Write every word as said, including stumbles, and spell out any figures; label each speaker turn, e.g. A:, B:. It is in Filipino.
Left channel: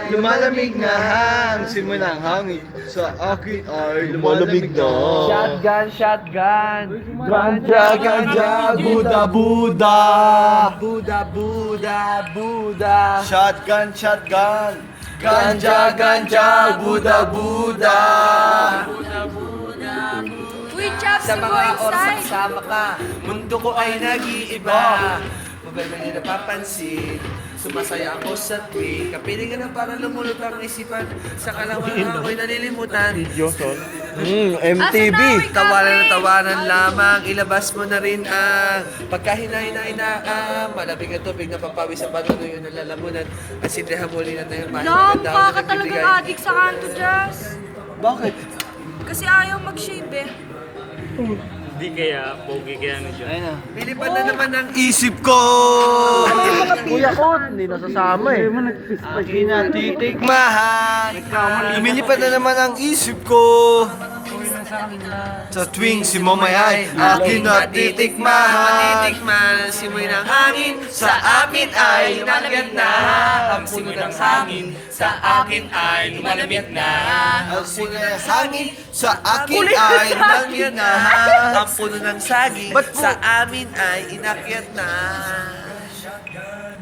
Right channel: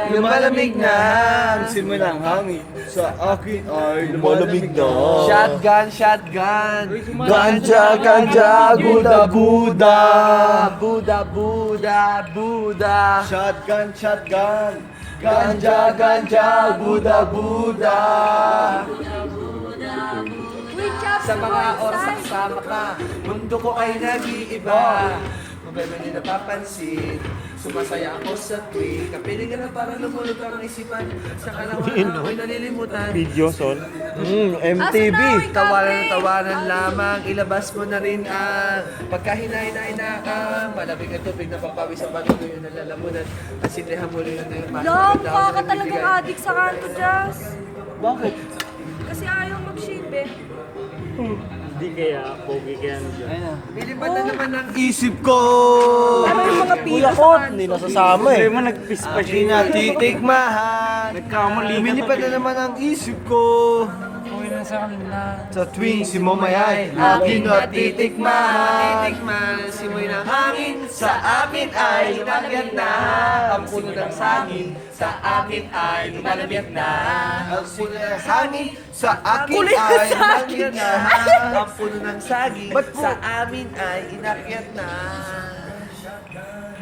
A: lumalamig na ang simoy ng hangin. Sa akin ay lumalamig na.
B: Shotgun, shotgun.
A: Ganja, ganja, Buda, Buda.
B: Buda, Buda, Buda.
A: Shotgun, shotgun. Ganja, ganja, Buda, Buda.
C: Uy, Chaps,
B: Sa
C: you go
B: mga oras
C: inside.
B: kasama ka, mundo ko ay nag-iiba. Mabay man nila napapansin, sumasaya ako sa tuwing. Kapiling na para lumulot ang isipan, sa kalawahan ako'y nalilimutan.
D: Video, son.
A: Hmm, M T V.
B: Tawanan na tawanan lamang, ilabas mo na rin ang pagkahina-hina-hina. Malamig ang tubig na papawis sa bato yun ang lalamunan. At sindihan muli na tayo, mahal
C: No,
B: maganda ako
C: mukha
B: na
C: ka talagang
B: nagbibigay.
C: addict sa kanto, Jazz.
A: Bakit?
C: Kasi ayaw mag-shave eh.
D: Hindi kaya, pogi kaya ano dyan.
A: Ayun na.
B: Bilipan na naman ang isip ko.
A: Kuya Kot, hindi nasasama eh.
D: Hindi mo nag-piss pa
A: Hindi
D: siya.
A: na titikmahan. Lumilipad na naman ang isip ko. Sa tuwing si Momay ay akin na titikmahan.
B: Titikman, simoy ng hangin, sa amin ay lumalamig na. Ang simoy ng hangin, sa akin ay lumalamig na.
A: Ang simoy ng hangin sa akin ay lumalamig na.
B: Ang puno ng saging,
A: Ba't po?
B: sa amin ay inakyat na.